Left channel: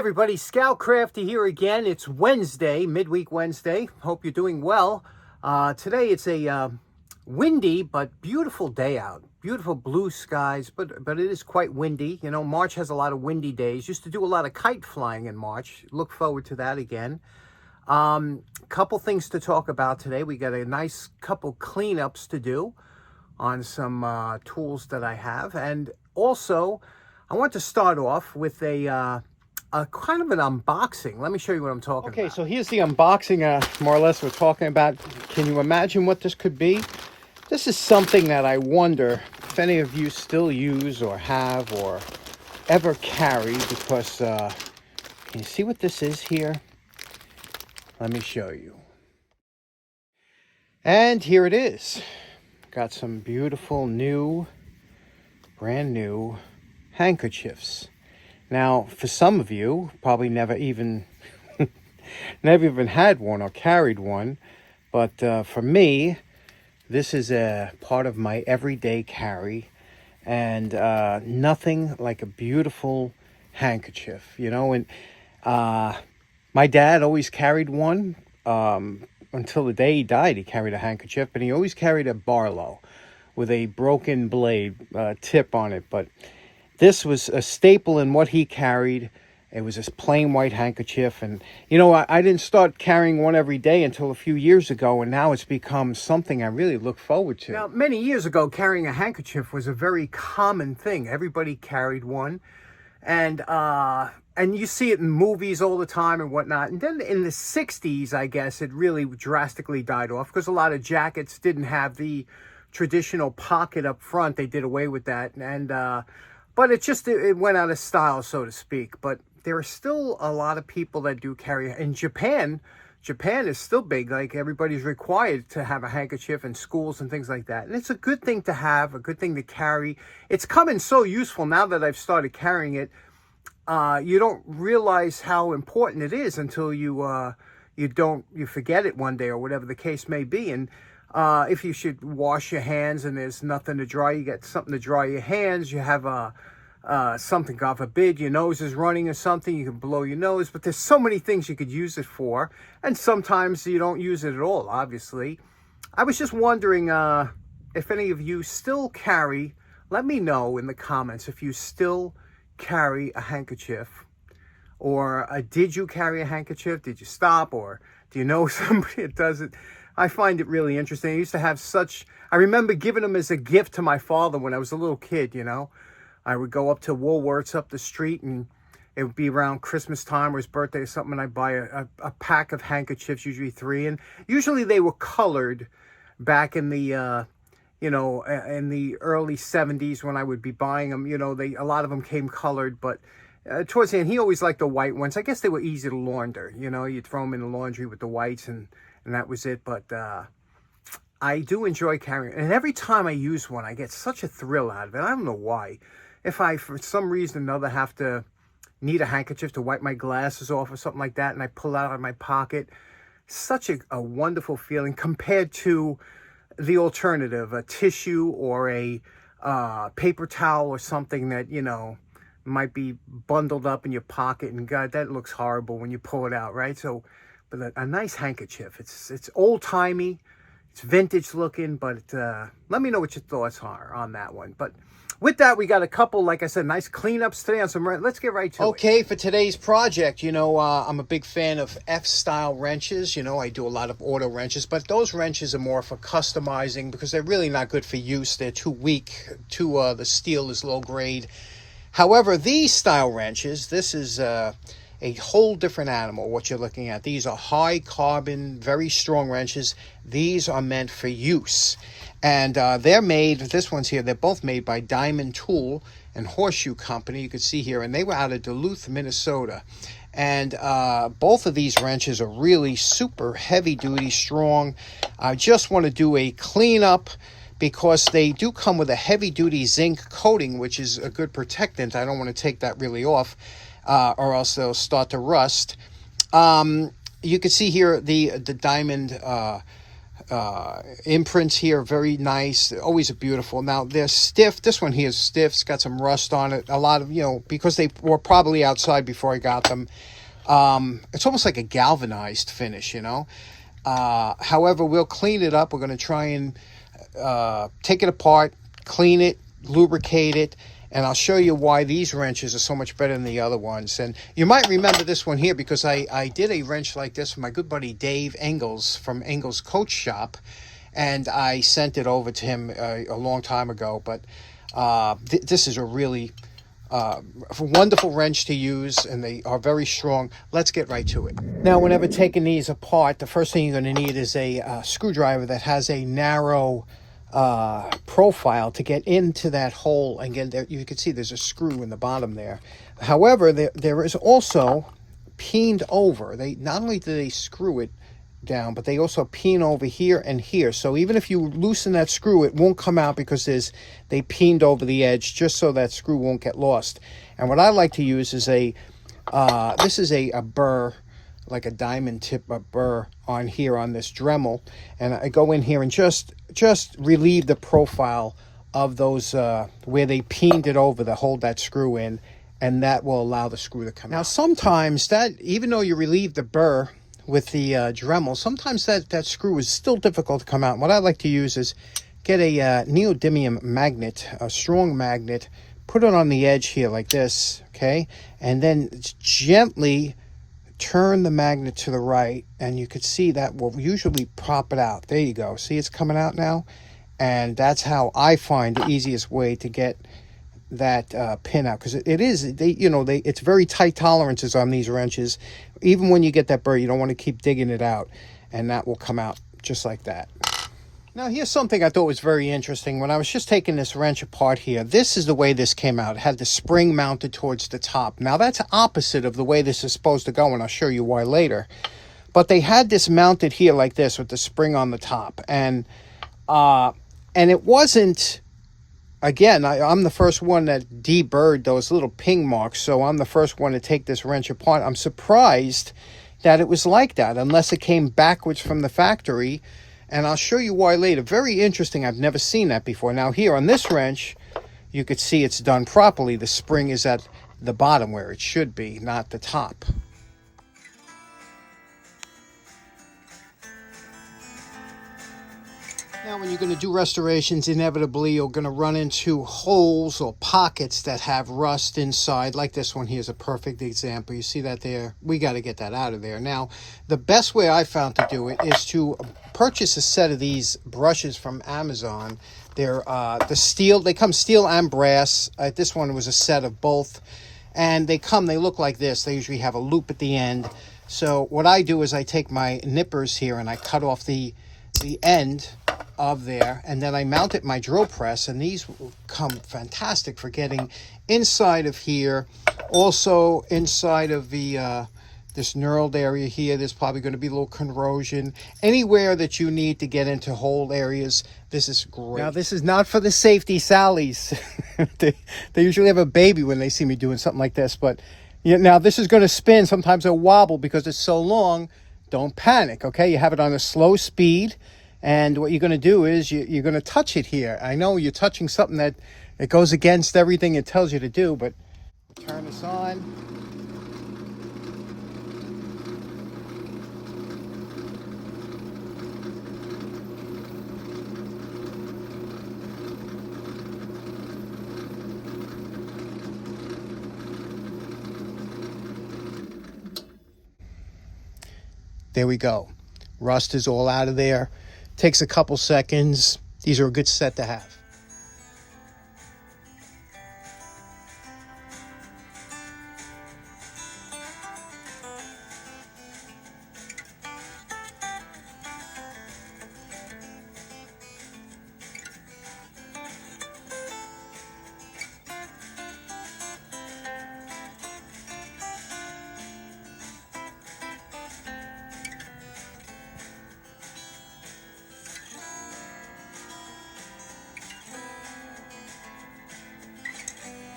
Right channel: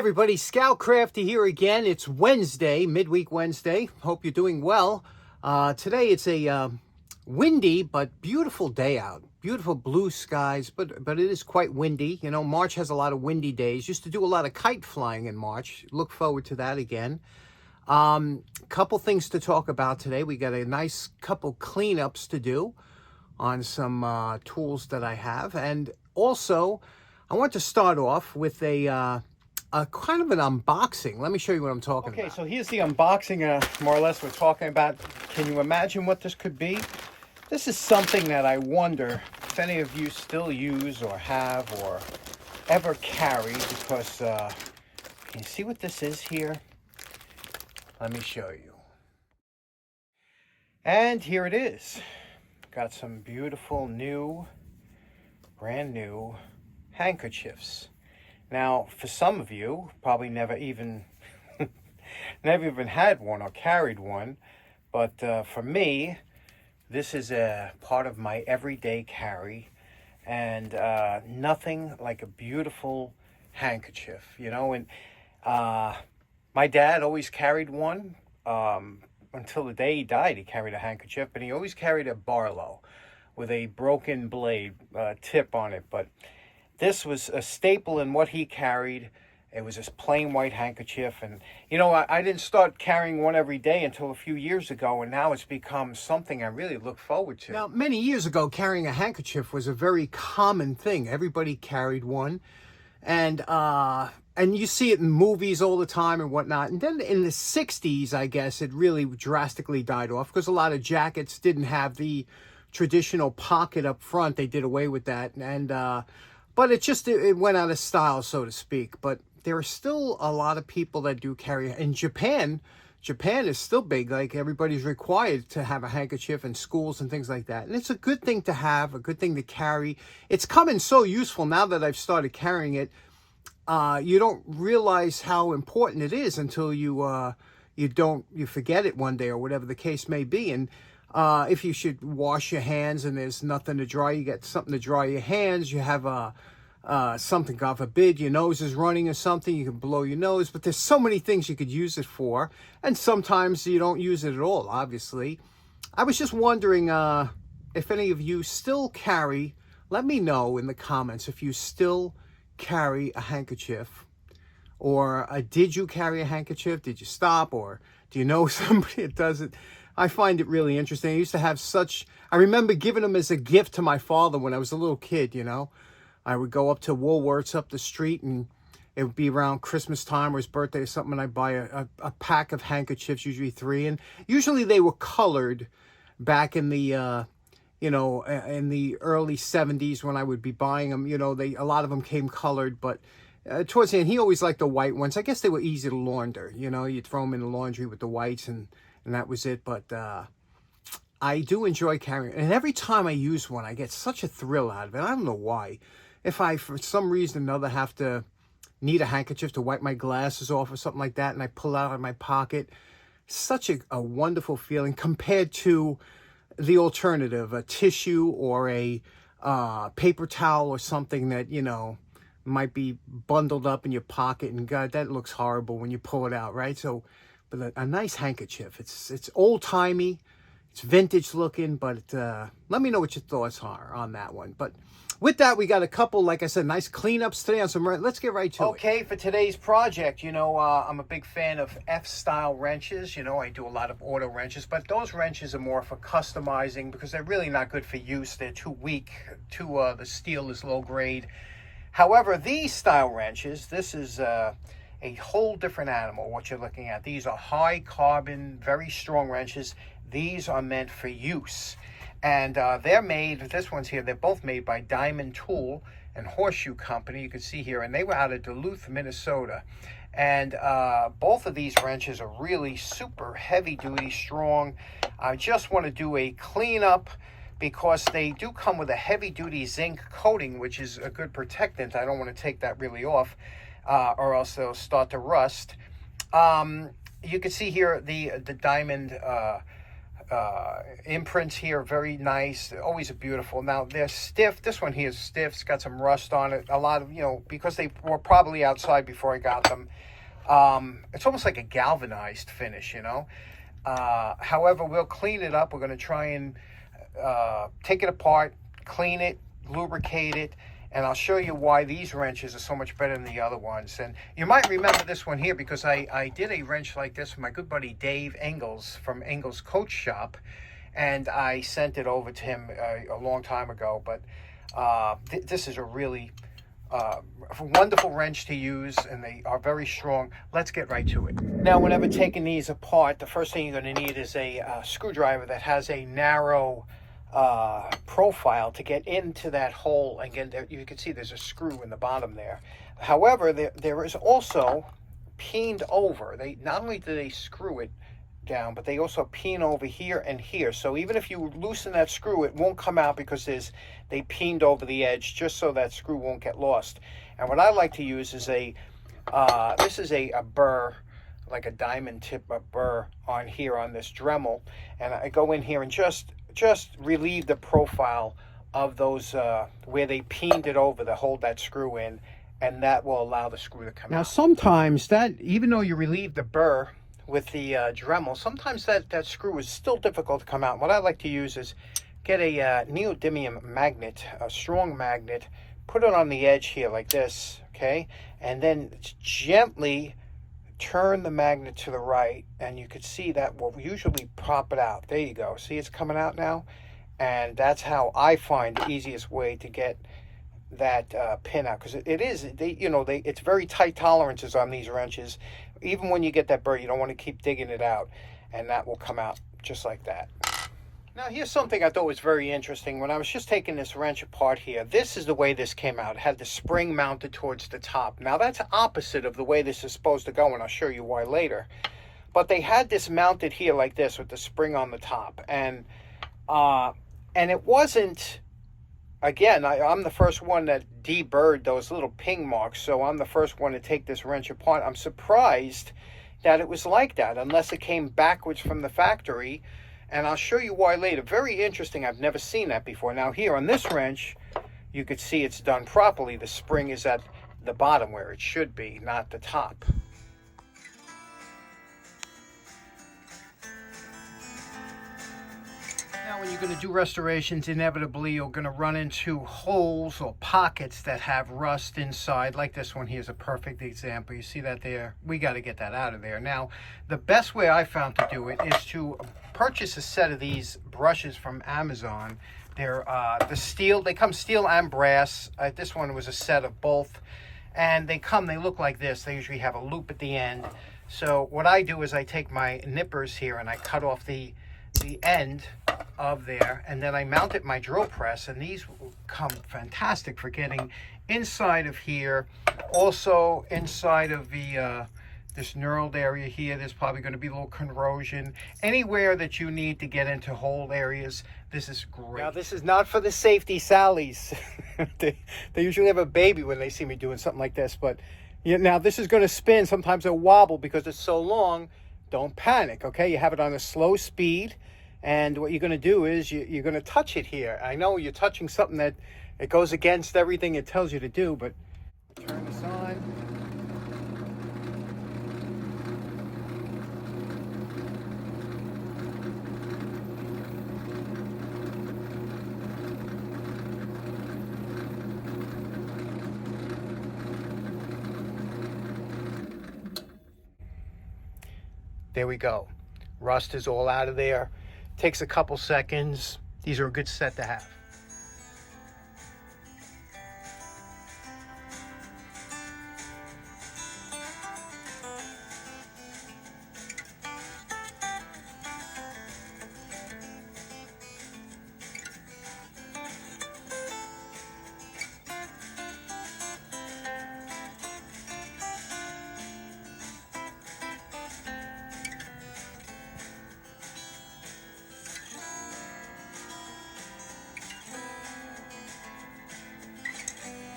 everybody, Scout Crafty here again. It's Wednesday, midweek Wednesday. Hope you're doing well. Today it's a windy but beautiful day out. Beautiful blue skies, but it is quite windy. You know, March has a lot of windy days. Used to do a lot of kite flying in March. Look forward to that again. Couple things to talk about today. We got a nice couple cleanups to do on some tools that I have, and also I want to start off with a kind of an unboxing. Let me show you what I'm talking about. Okay, so here's the unboxing, more or less, we're talking about. Can you imagine what this could be? This is something that I wonder if any of you still use or have or ever carry, because can you see what this is here? Let me show you. And here it is. Got some beautiful new, brand new handkerchiefs. Now, for some of you, probably never even had one or carried one, but for me, this is a part of my everyday carry, and nothing like a beautiful handkerchief, you know. And my dad always carried one until the day he died. He carried a handkerchief, and he always carried a Barlow with a broken blade tip on it, but this was a staple in what he carried. It was this plain white handkerchief. And, you know, I didn't start carrying one every day until a few years ago, and now it's become something I really look forward to. Now, many years ago, carrying a handkerchief was a very common thing. Everybody carried one. And you see it in movies all the time and whatnot. And then in the 60s, I guess, it really drastically died off because a lot of jackets didn't have the traditional pocket up front. They did away with that. And but it went out of style, so to speak. But there are still a lot of people that do carry. In Japan is still big. Like, everybody's required to have a handkerchief in schools and things like that. And it's a good thing to have, a good thing to carry. It's coming so useful now that I've started carrying it. You don't realize how important it is until you forget it one day, or whatever the case may be. And if you should wash your hands and there's nothing to dry, you get something to dry your hands. You have something, God forbid, your nose is running or something, you can blow your nose. But there's so many things you could use it for, and sometimes you don't use it at all, obviously. I was just wondering if any of you still carry. Let me know in the comments if you still carry a handkerchief, or did you carry a handkerchief? Did you stop, or do you know somebody that does it? I find it really interesting. I used to have I remember giving them as a gift to my father when I was a little kid, you know. I would go up to Woolworths up the street, and it would be around Christmas time or his birthday or something, and I'd buy a pack of handkerchiefs, usually 3. And usually they were colored back in the, in the early 70s when I would be buying them. You know, a lot of them came colored, but towards the end, he always liked the white ones. I guess they were easy to launder. You know, you'd throw them in the laundry with the whites, and that was it. But I do enjoy carrying it. And every time I use one, I get such a thrill out of it. I don't know why. If I, for some reason or another, need a handkerchief to wipe my glasses off or something like that, and I pull it out of my pocket, such a wonderful feeling compared to the alternative, a tissue or a paper towel or something that, you know, might be bundled up in your pocket, and God, that looks horrible when you pull it out, right? So, but a nice handkerchief, it's old-timey, it's vintage looking, but let me know what your thoughts are on that one. But with that, we got a couple, like I said, nice cleanups today on some. Let's get right to it. Okay, for today's project, you know, I'm a big fan of F-style wrenches. You know, I do a lot of auto wrenches, but those wrenches are more for customizing because they're really not good for use. They're too weak. The steel is low grade. However, these style wrenches, this is a whole different animal, what you're looking at. These are high carbon, very strong wrenches. These are meant for use. And they're made, this one's here, they're both made by Diamond Tool and Horseshoe Company. You can see here, and they were out of Duluth, Minnesota. And both of these wrenches are really super heavy duty, strong. I just want to do a cleanup because they do come with a heavy duty zinc coating, which is a good protectant. I don't want to take that really off, or else they'll start to rust. You can see here the Diamond imprints here are very nice. They're always beautiful. Now they're stiff. This one here is stiff. It's got some rust on it. A lot of, because they were probably outside before I got them. It's almost like a galvanized finish, However, we'll clean it up. We're going to try and take it apart, clean it, lubricate it, and I'll show you why these wrenches are so much better than the other ones. And you might remember this one here because I did a wrench like this for my good buddy Dave Engels from Engels Coach Shop, and I sent it over to him a long time ago. But this is a really wonderful wrench to use, and they are very strong. Let's get right to it. Now, whenever taking these apart, the first thing you're going to need is a screwdriver that has a narrow profile to get into that hole and get there. You can see there's a screw in the bottom there. However, there is also peened over. They not only do they screw it down, but they also peen over here and here. So even if you loosen that screw, it won't come out because they peened over the edge just so that screw won't get lost. And what I like to use is this is a burr, like a diamond tip, a burr on here on this Dremel, and I go in here and just relieve the profile of those where they peened it over to hold that screw in, and that will allow the screw to come out. Now sometimes that, even though you relieve the burr with the Dremel, sometimes that screw is still difficult to come out. What I like to use is get a neodymium magnet, a strong magnet, put it on the edge here like this, okay, and then gently turn the magnet to the right, and you can see that will usually prop it out. There you go. See, it's coming out now, and that's how I find the easiest way to get that pin out, because it's very tight tolerances on these wrenches. Even when you get that burr, you don't want to keep digging it out, and that will come out just like that. Now here's something I thought was very interesting. When I was just taking this wrench apart here, this is the way this came out. It had the spring mounted towards the top. Now that's opposite of the way this is supposed to go, and I'll show you why later. But they had this mounted here like this with the spring on the top, and it wasn't, again, I'm the first one that deburred those little ping marks, so I'm the first one to take this wrench apart. I'm surprised that it was like that, unless it came backwards from the factory, and I'll show you why later. Very interesting. I've never seen that before. Now here on this wrench, you could see it's done properly. The spring is at the bottom where it should be, not the top. Now, when you're going to do restorations, inevitably you're going to run into holes or pockets that have rust inside. Like this one here is a perfect example. You see that there? We got to get that out of there. Now, the best way I found to do it is to purchase a set of these brushes from Amazon. They're the steel. They come steel and brass. This one was a set of both, and they look like this. They usually have a loop at the end. So what I do is I take my nippers here and I cut off the end of there, and then I mount it my drill press, and these come fantastic for getting inside of here, also inside of the this knurled area here. There's probably going to be a little corrosion. Anywhere that you need to get into hole areas, this is great. Now this is not for the safety Sallies. they usually have a baby when they see me doing something like this, but now this is going to spin. Sometimes it'll wobble because it's so long. Don't panic, okay? You have it on a slow speed, and what you're going to do is you're going to touch it here. I know you're touching something that goes against everything it tells you to do, but turn this on. There we go. Rust is all out of there. Takes a couple seconds. These are a good set to have.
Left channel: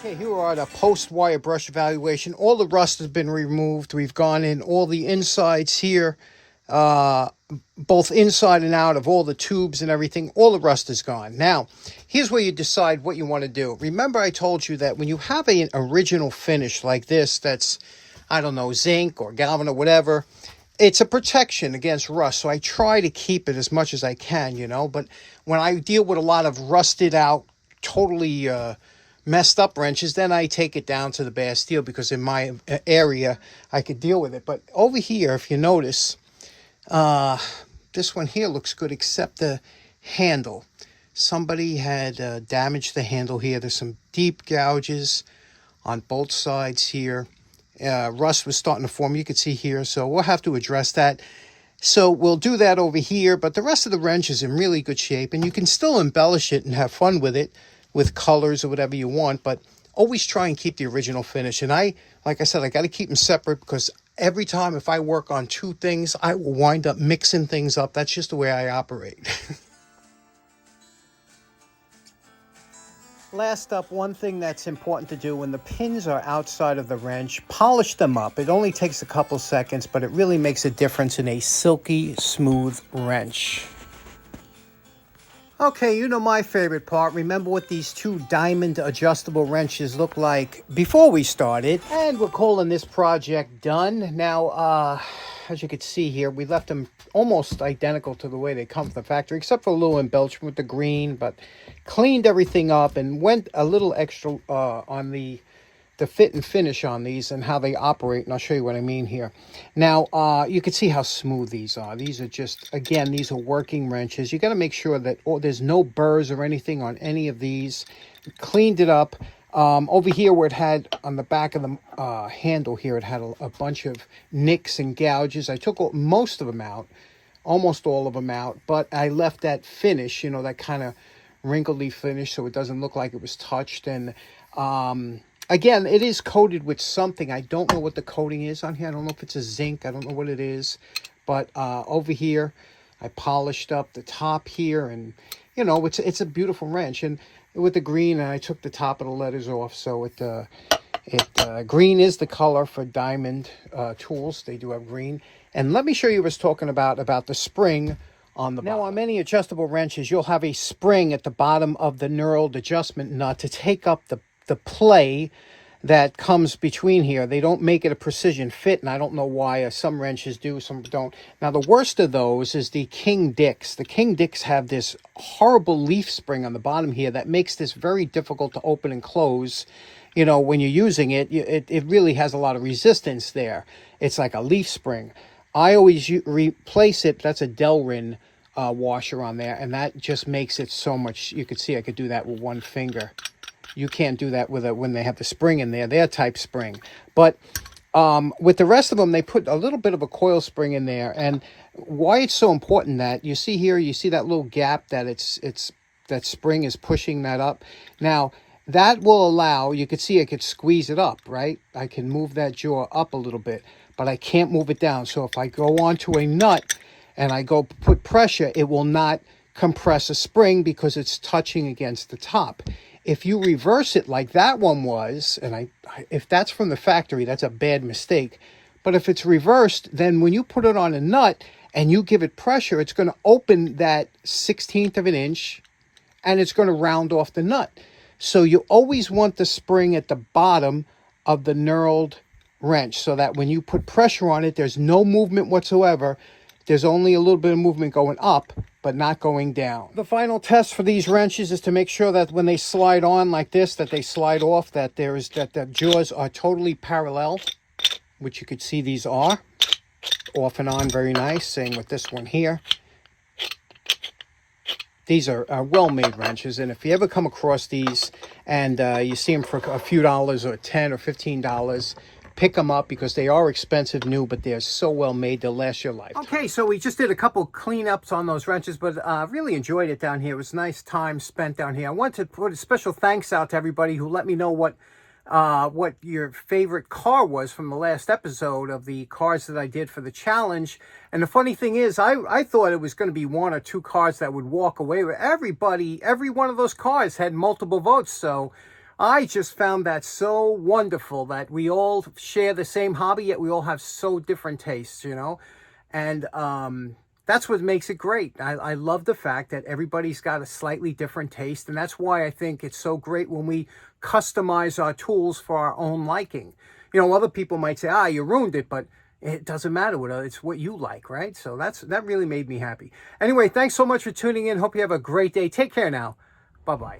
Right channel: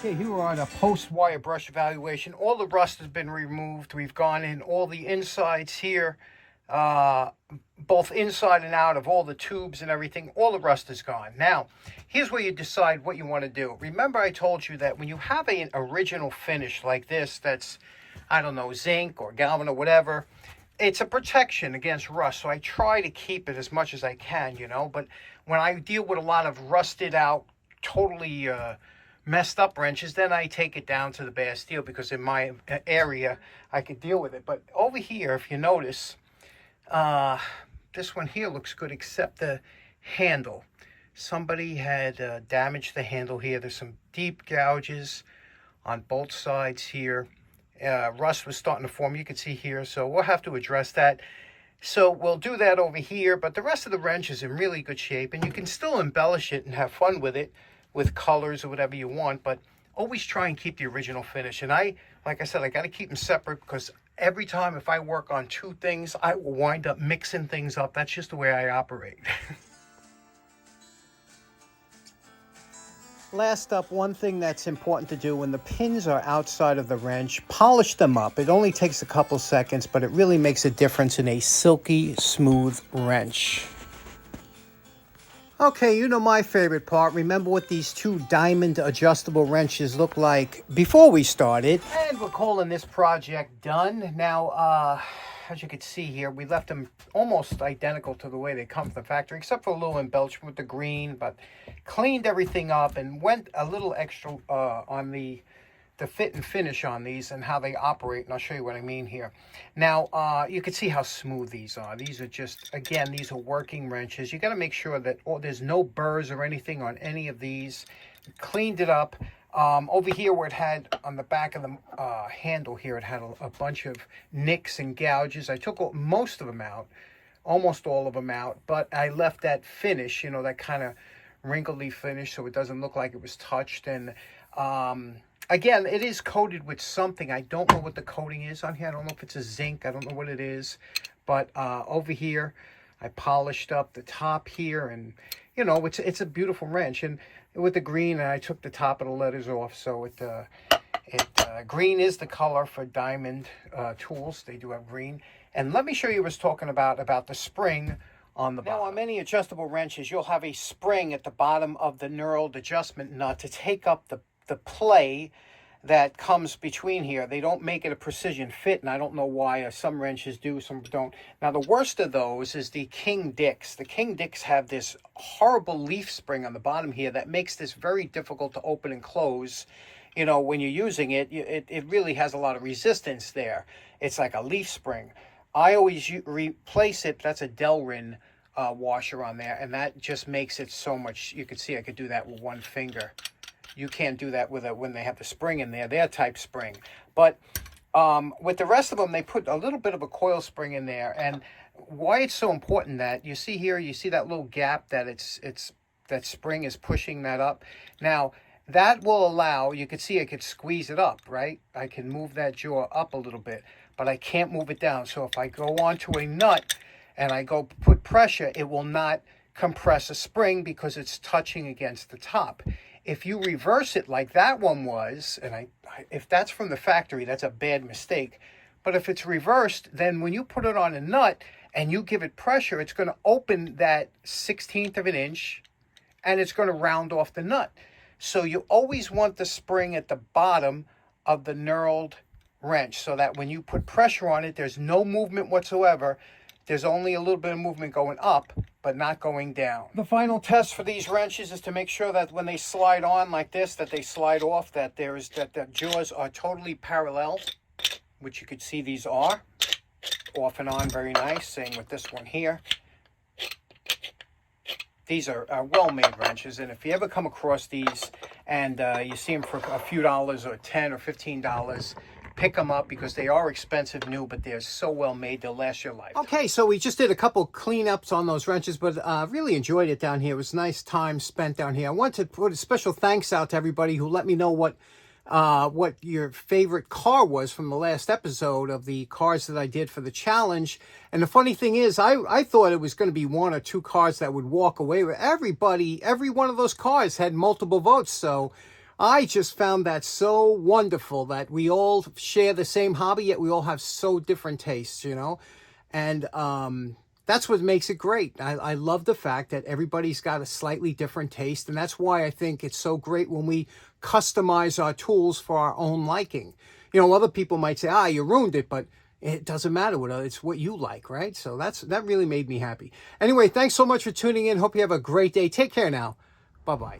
Okay, here are the post-wire brush evaluation. All the rust has been removed. We've gone in all the insides here both inside and out of all the tubes and everything. All the rust is gone. Now, here's where you decide what you want to do. Remember I told you that when you have an original finish like this that's, I don't know, zinc or galvan or whatever, it's a protection against rust. So I try to keep it as much as I can, you know. But when I deal with a lot of rusted out, totally messed up wrenches, then I take it down to the Bastille because in my area I could deal with it. But over here, if you notice, this one here looks good except the handle. Somebody had damaged the handle here. There's some deep gouges on both sides here. Rust was starting to form, you can see here, so we'll have to address that. So we'll do that over here, but the rest of the wrench is in really good shape, and you can still embellish it and have fun with it with colors or whatever you want, but always try and keep the original finish. And like I said, I got to keep them separate because every time if I work on two things, I will wind up mixing things up. That's just the way I operate. Last up, one thing that's important to do when the pins are outside of the wrench, polish them up. It only takes a couple seconds, but it really makes a difference in a silky smooth wrench. Okay, you know my favorite part. Remember what these two diamond adjustable wrenches look like before we started. And we're calling this project done. Now, as you can see here, we left them almost identical to the way they come from the factory, except for a little embellishment with the green, but cleaned everything up and went a little extra on the fit and finish on these and how they operate, and I'll show you what I mean here. Now, you can see how smooth these are. These are just, again, these are working wrenches. You got to make sure that there's no burrs or anything on any of these. Cleaned it up. Over here where it had, on the back of the handle here, it had a bunch of nicks and gouges. I took most of them out, almost all of them out, but I left that finish, you know, that kind of wrinkly finish so it doesn't look like it was touched. And again, it is coated with something. I don't know what the coating is on here. I don't know if it's a zinc. I don't know what it is. But over here, I polished up the top here. And, you know, it's a beautiful wrench. And with the green, and I took the top of the letters off. So green is the color for diamond tools. They do have green. And let me show you what I was talking about the spring on the bottom. Now, on many adjustable wrenches, you'll have a spring at the bottom of the knurled adjustment nut to take up the play that comes between here. They don't make it a precision fit, and I don't know why. Some wrenches do, some don't. Now, the worst of those is the King Dicks. The King Dicks have this horrible leaf spring on the bottom here that makes this very difficult to open and close. You know, when you're using it, it really has a lot of resistance there. It's like a leaf spring. I always replace it. That's a Delrin washer on there, and that just makes it so much. You could see I could do that with one finger. You can't do that with when they have the spring in there. They're type spring. But with the rest of them, they put a little bit of a coil spring in there. And why it's so important that you see here, you see that little gap that that spring is pushing that up. Now, that will allow, you can see I could squeeze it up, right? I can move that jaw up a little bit, but I can't move it down. So if I go onto a nut and I go put pressure, it will not compress a spring because it's touching against the top. If you reverse it like that one was, and if that's from the factory, that's a bad mistake. But if it's reversed, then when you put it on a nut and you give it pressure, it's going to open that 1/16 of an inch and it's going to round off the nut. So you always want the spring at the bottom of the knurled wrench so that when you put pressure on it, there's no movement whatsoever. There's only a little bit of movement going up, but not going down. The final test for these wrenches is to make sure that when they slide on like this, that they slide off, that the jaws are totally parallel, which you could see these are. Off and on, very nice. Same with this one here. These are well-made wrenches, and if you ever come across these and you see them for a few dollars or $10 or $15, pick them up because they are expensive new, but they're so well made they'll last your life. Okay, so we just did a couple cleanups on those wrenches, but really enjoyed it down here. It was a nice time spent down here. I want to put a special thanks out to everybody who let me know what your favorite car was from the last episode of the cars that I did for the challenge. And the funny thing is, I thought it was going to be one or two cars that would walk away with everybody. Every one of those cars had multiple votes, so I just found that so wonderful that we all share the same hobby, yet we all have so different tastes, you know. And that's what makes it great. I love the fact that everybody's got a slightly different taste. And that's why I think it's so great when we customize our tools for our own liking. You know, other people might say, you ruined it, but it doesn't matter what it's what you like, right? So that really made me happy. Anyway, thanks so much for tuning in. Hope you have a great day. Take care now. Bye-bye.